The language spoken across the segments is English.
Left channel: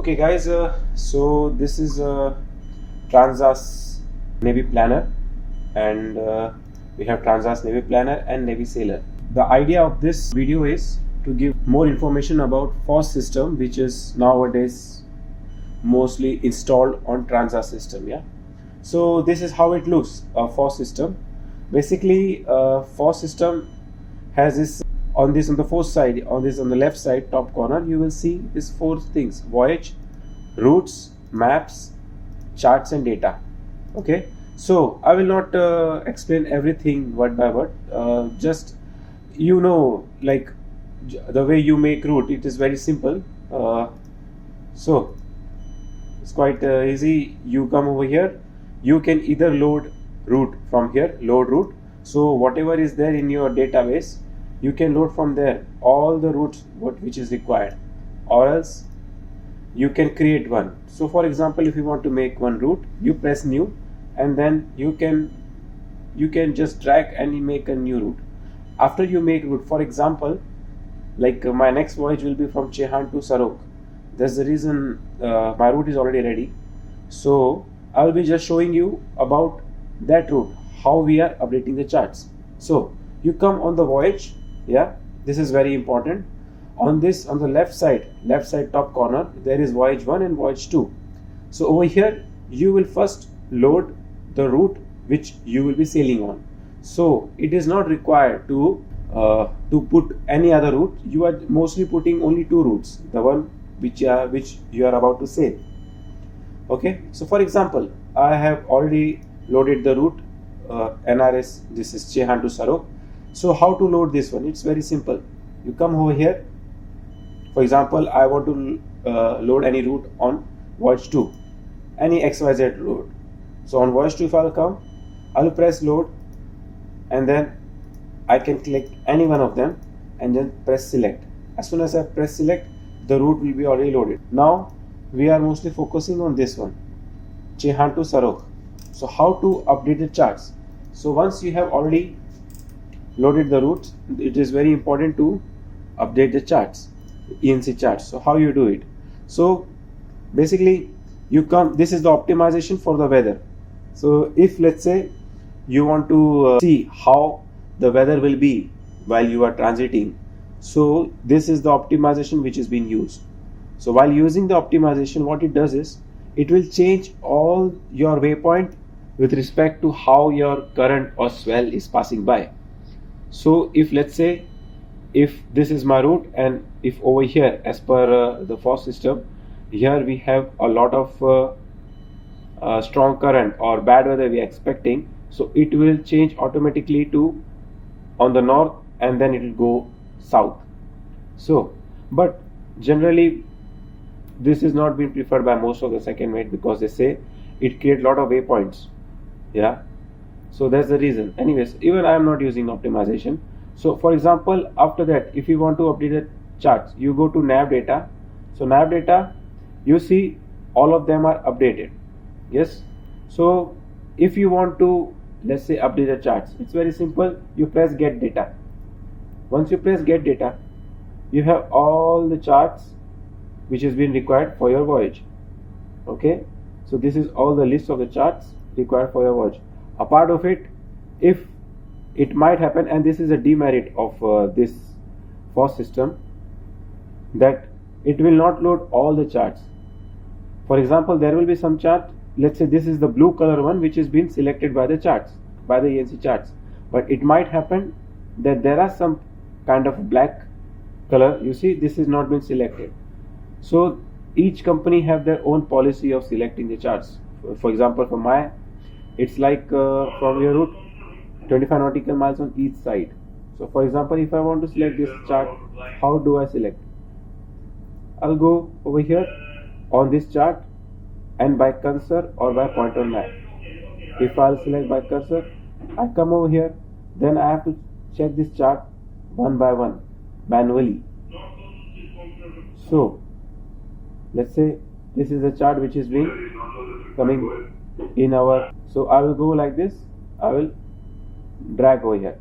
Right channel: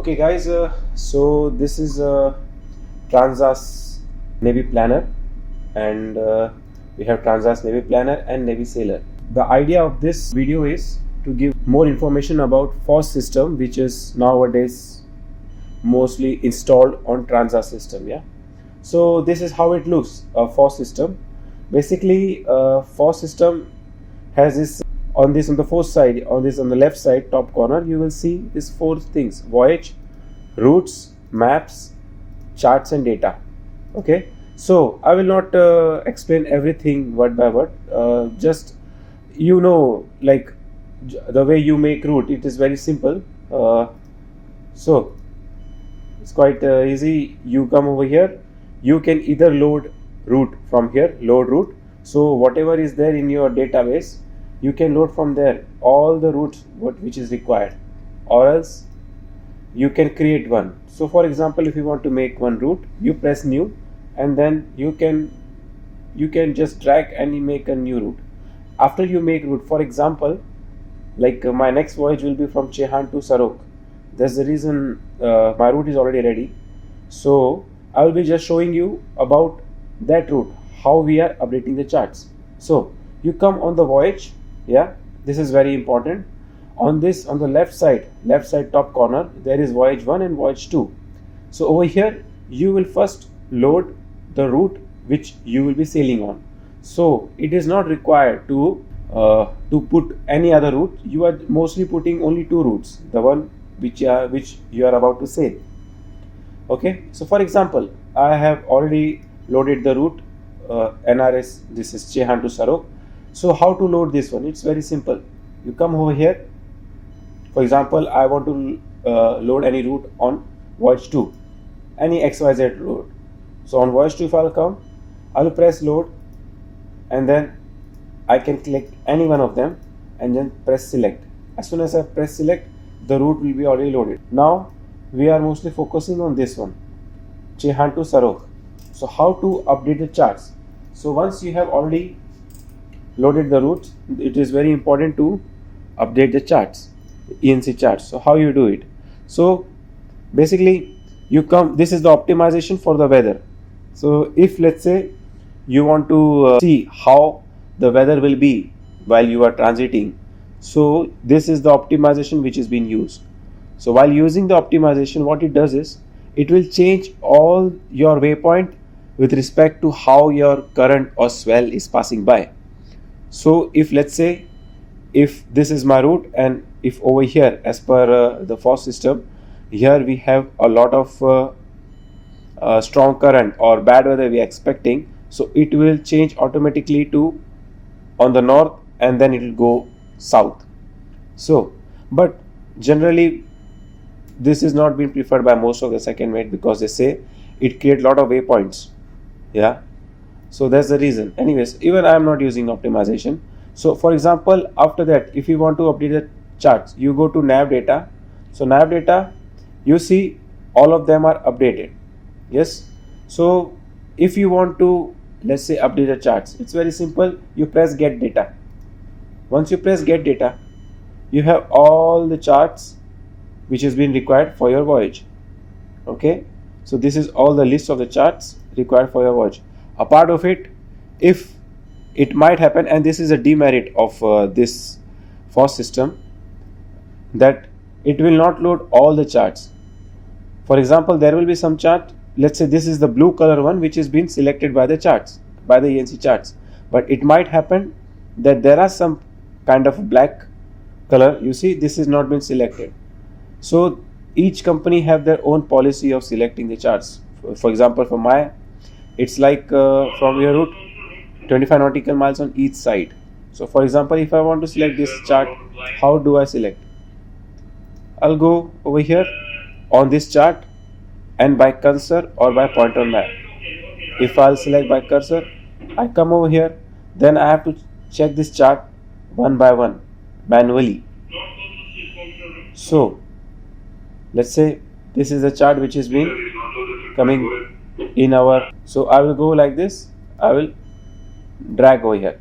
Okay guys, so this is Transas Navy Planner, and we have Transas Navy Planner and Navy Sailor. The idea of this video is to give more information about Fos system, which is nowadays mostly installed on Transas system. Yeah, so this is how it looks, a Fos system. Basically, Fos system has this on the Fos side, on the left side top corner, you will see these four things: voyage, routes, maps, charts and data. Okay, so I will not explain everything word by word, just like the way you make route, it is very simple. So it's quite easy. You come over here, you can either load route from here, load route. So whatever is there in your database, you can load from there all the routes which is required, or else you can create one. So for example, if you want to make one route, you press new, and then you can just drag and make a new route. After you make route, for example, like my next voyage will be from Chehan to Sarok. That's the reason my route is already ready. So I will be just showing you about that route, how we are updating the charts. So you come on the voyage. Yeah, this is very important. On the left side top corner, there is voyage 1 and voyage 2. So over here you will first load the route which you will be sailing on. So it is not required to put any other route. You are mostly putting only two routes, the one which you are about to sail. Okay, so for example, I have already loaded the route NRS, this is Chehan to Sarok. So how to load this one? It's very simple. You come over here. For example, I want to load any route on voyage 2, any XYZ route. So on voyage 2, if I'll come, I will press load, and then I can click any one of them and then press select. As soon as I press select, the route will be already loaded. Now we are mostly focusing on this one, Chehan to Sarok. So how to update the charts? So once you have already loaded the routes, it is very important to update the charts, ENC charts. So how you do it? So basically you come, this is the optimization for the weather. So if let's say you want to see how the weather will be while you are transiting, so this is the optimization which is being used. So while using the optimization, what it does is it will change all your waypoint with respect to how your current or swell is passing by. So if let's say if this is my route, and if over here as per the Fos system, here we have a lot of strong current or bad weather we are expecting, so it will change automatically to on the north, and then it will go south. So but generally this is not being preferred by most of the second mate, because they say it creates a lot of waypoints. Yeah, so that's the reason. Anyways, even I am not using optimization. So for example, after that, if you want to update the charts, you go to nav data. So nav data, you see all of them are updated. Yes, so if you want to, let's say, update the charts, it's very simple. You press get data. Once you press get data, you have all the charts which has been required for your voyage. Okay, so this is all the list of the charts required for your voyage. A part of it, if it might happen, and this is a demerit of this Fos system, that it will not load all the charts. For example, there will be some chart, let's say this is the blue color one which has been selected by the charts, by the ENC charts, but it might happen that there are some kind of black color, you see this is not been selected. So each company have their own policy of selecting the charts. For example, for my, it's like from your route 25 nautical miles on each side. So for example, if I want to select this chart, how do I select? I'll go over here on this chart, and by cursor or by pointer map. If I'll select by cursor, I come over here, then I have to check this chart one by one manually. So let's say this is the chart which has been coming in our, so I will go like this, I will drag over here,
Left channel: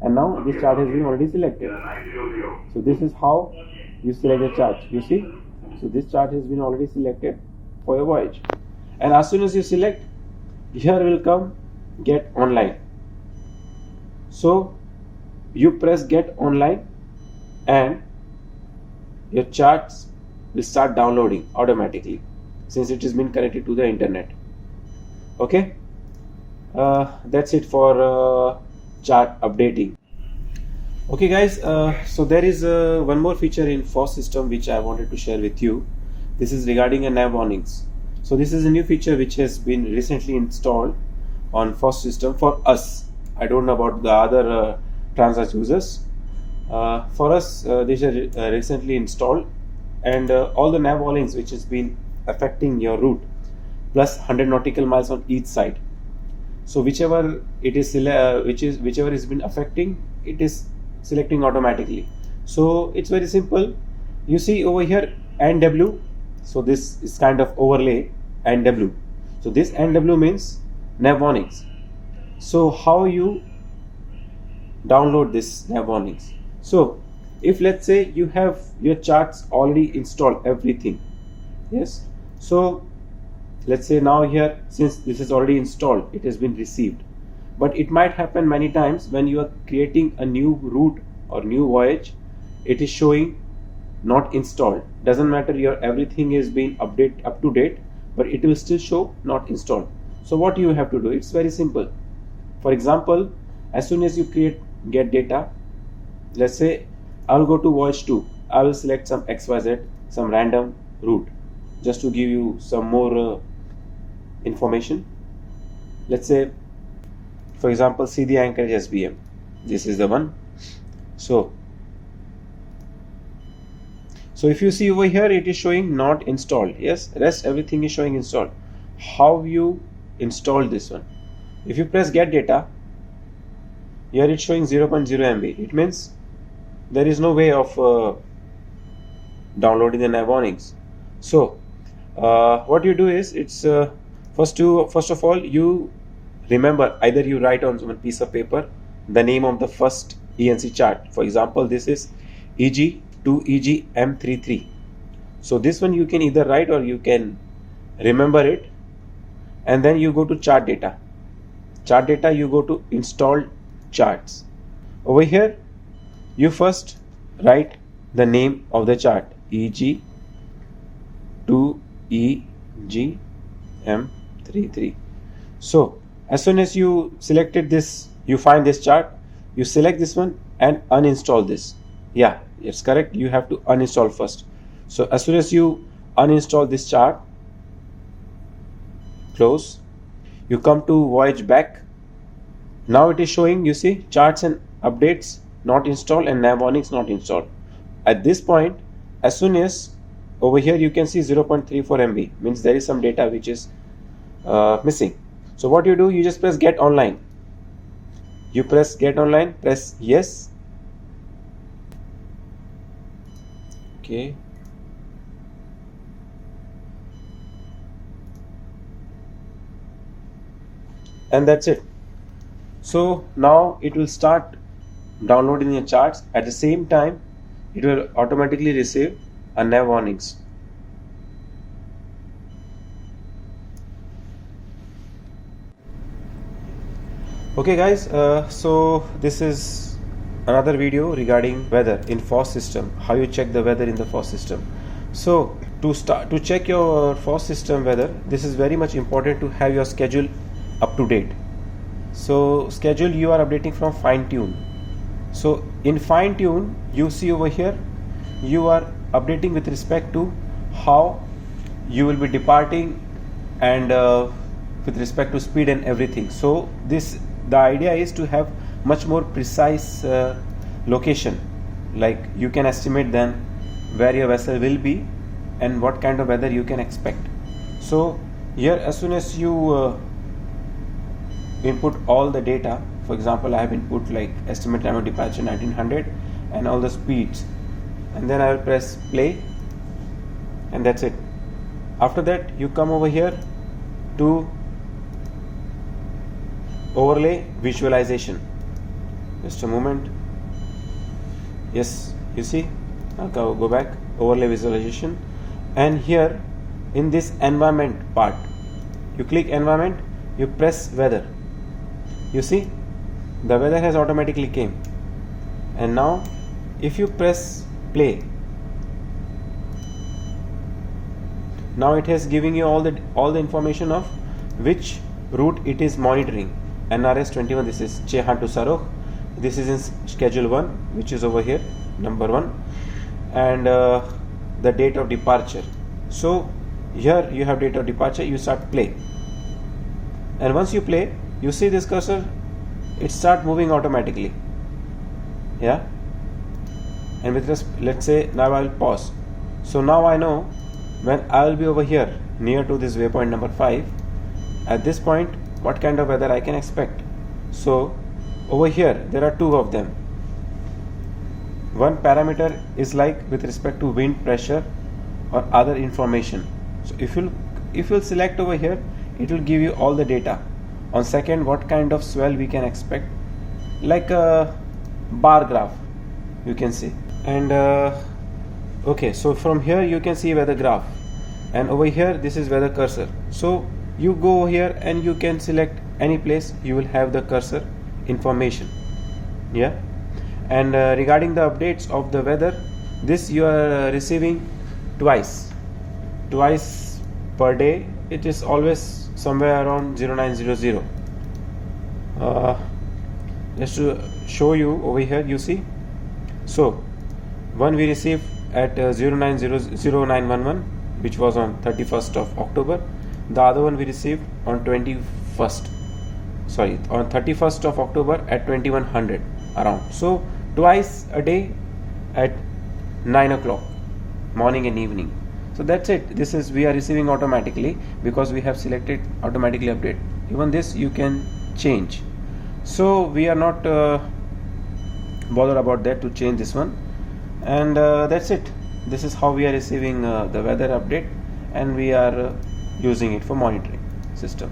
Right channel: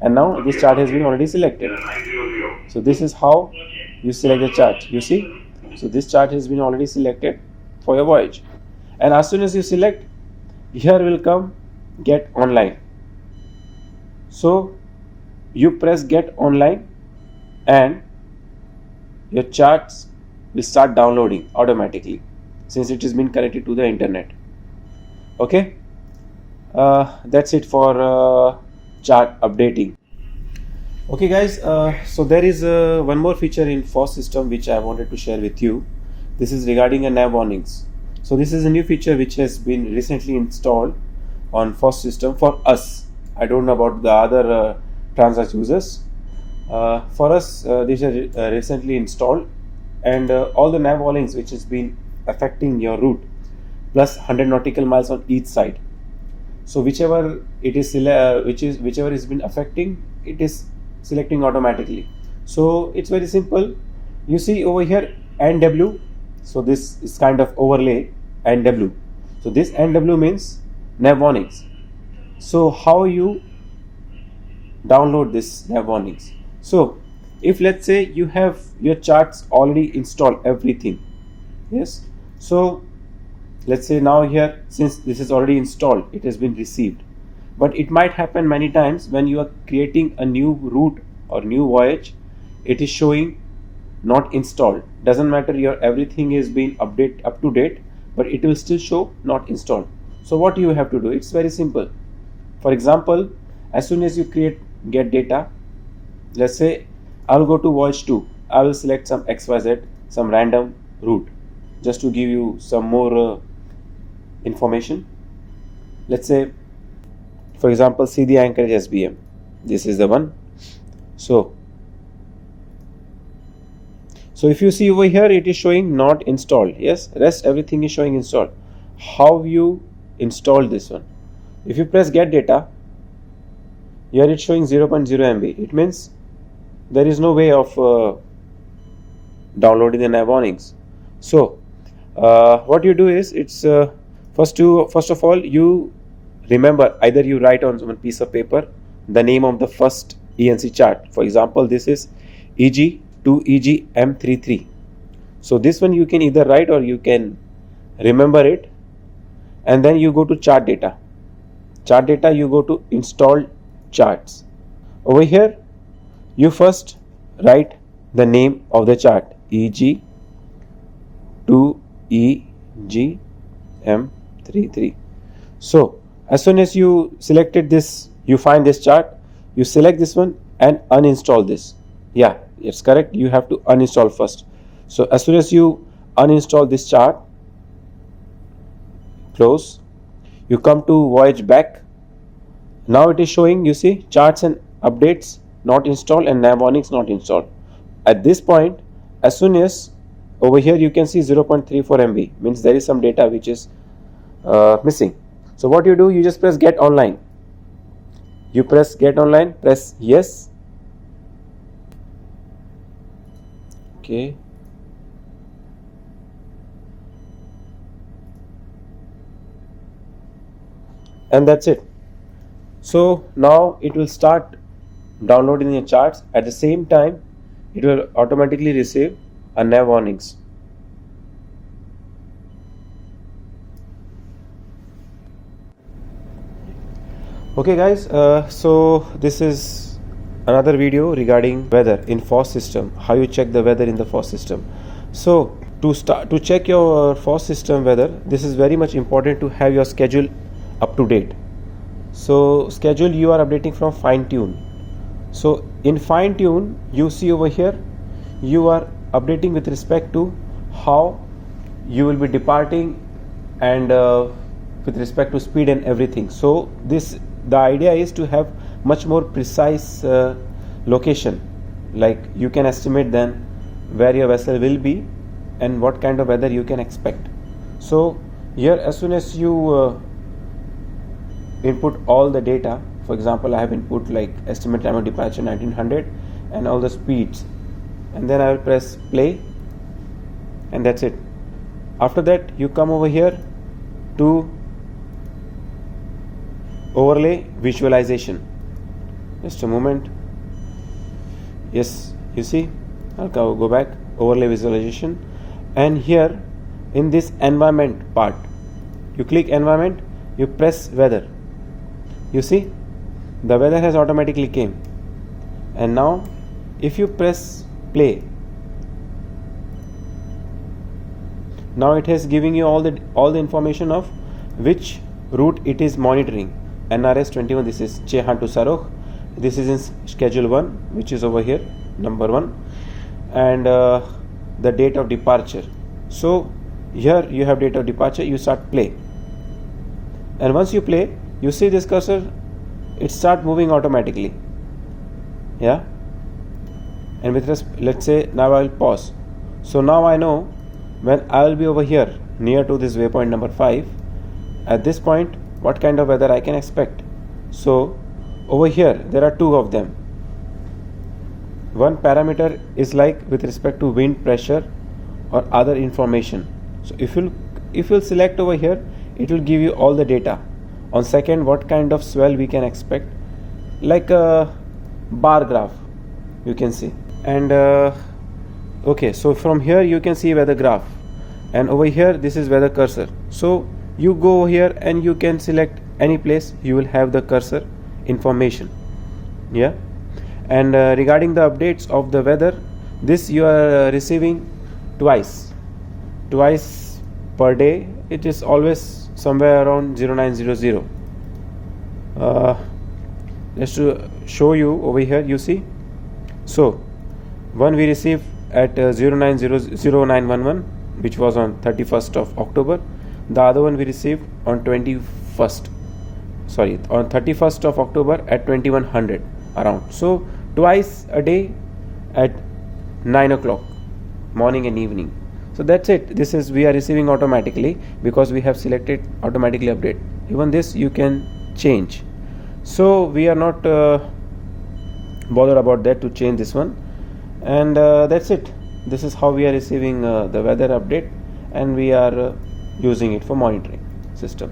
and now this chart has been already selected. So this is how you select the chart. You see, So this chart has been already selected for your voyage, and as soon as you select, here will come get online. So you press get online and your charts will start downloading automatically since it has been connected to the internet. Okay, that's it for chart updating. Okay guys, so there is one more feature in Fos system which I wanted to share with you. This is regarding a Nav Warnings. So this is a new feature which has been recently installed on Fos system for us. I don't know about the other Transas users. For us, this is recently installed, and all the Nav Warnings which has been affecting your route plus 100 nautical miles on each side. So whichever it is whichever has been affecting, it is selecting automatically. So it's very simple. You see over here NW, so this is kind of overlay NW. So this NW means Nav Warnings. So how you download this Nav Warnings? So if let's say you have your charts already installed everything, yes, so let's say now here, since this is already installed, it has been received. But it might happen many times when you are creating a new route or new voyage, it is showing not installed. Doesn't matter, your everything is being updated up to date, but it will still show not installed. So what you have to do, it's very simple. For example, as soon as you get data, let's say I will go to voyage 2, I will select some XYZ, some random route, just to give you some more information. Let's say, for example, see the Anchorage SBM. This is the one. So if you see over here, it is showing not installed. Yes, rest everything is showing installed. How you install this one? If you press get data, here it's showing 0.0 MB. It means there is no way of downloading the Nav Warnings. So what you do is, it's first of all, you remember, either you write on one piece of paper the name of the first ENC chart. For example, this is EG2EG M33. So this one you can either write or you can remember it, and then you go to chart data. Chart data, you go to installed charts. Over here you first write the name of the chart, EG2EG M33. So as soon as you selected this, you find this chart, you select this one and uninstall this. Yeah, it's correct, you have to uninstall first. So as soon as you uninstall this chart, close, you come to voyage back. Now it is showing, you see, charts and updates not installed and Nav Warnings not installed. At this point, as soon as over here you can see 0.34 MB, means there is some data which is missing. So what you do, you just press get online. You press get online, press yes. Okay. And that's it. So now it will start downloading your charts. At the same time, it will automatically receive a Nav Warnings. Okay guys, so this is another video regarding weather in Fos system, how you check the weather in the Fos system. So to check your Fos system weather, this is very much important to have your schedule up to date. So schedule you are updating from fine tune. So in fine tune, you see over here, you are updating with respect to how you will be departing and with respect to speed and everything. So the idea is to have much more precise location, like you can estimate then where your vessel will be and what kind of weather you can expect. So here, as soon as you input all the data, for example, I have input like estimate time of departure 1900 and all the speeds, and then I will press play, and that's it. After that, you come over here to overlay visualization. Just a moment. Yes, you see, I'll go back, overlay visualization, and here in this environment part, you click environment, you press weather. You see the weather has automatically came, and now if you press play, now it is giving you all the information of which route it is monitoring. NRS 21, this is Chehan to Sarokh, this is in schedule 1, which is over here, number 1, and the date of departure. So here you have date of departure, you start play, and once you play, you see this cursor, it start moving automatically. Yeah, and with this, let's say now I will pause. So now I know when I will be over here near to this waypoint number 5, at this point what kind of weather I can expect. So over here there are 2 of them. One parameter is like with respect to wind pressure or other information. So if you'll select over here, it will give you all the data. On second, what kind of swell we can expect, like a bar graph you can see. And okay, so from here you can see weather graph, and over here this is weather cursor. So you go here and you can select any place, you will have the cursor information. Yeah, and regarding the updates of the weather, this you are receiving twice per day. It is always somewhere around 0900. Just to show you over here, you see, so one we received at 0911, which was on 31st of October. The other one we received on 31st of October at 2100 around. So twice a day at 9 o'clock, morning and evening. So that's it. This is we are receiving automatically because we have selected automatically update. Even this you can change. So we are not bothered about that to change this one, and that's it. This is how we are receiving the weather update, and we are using it for monitoring system.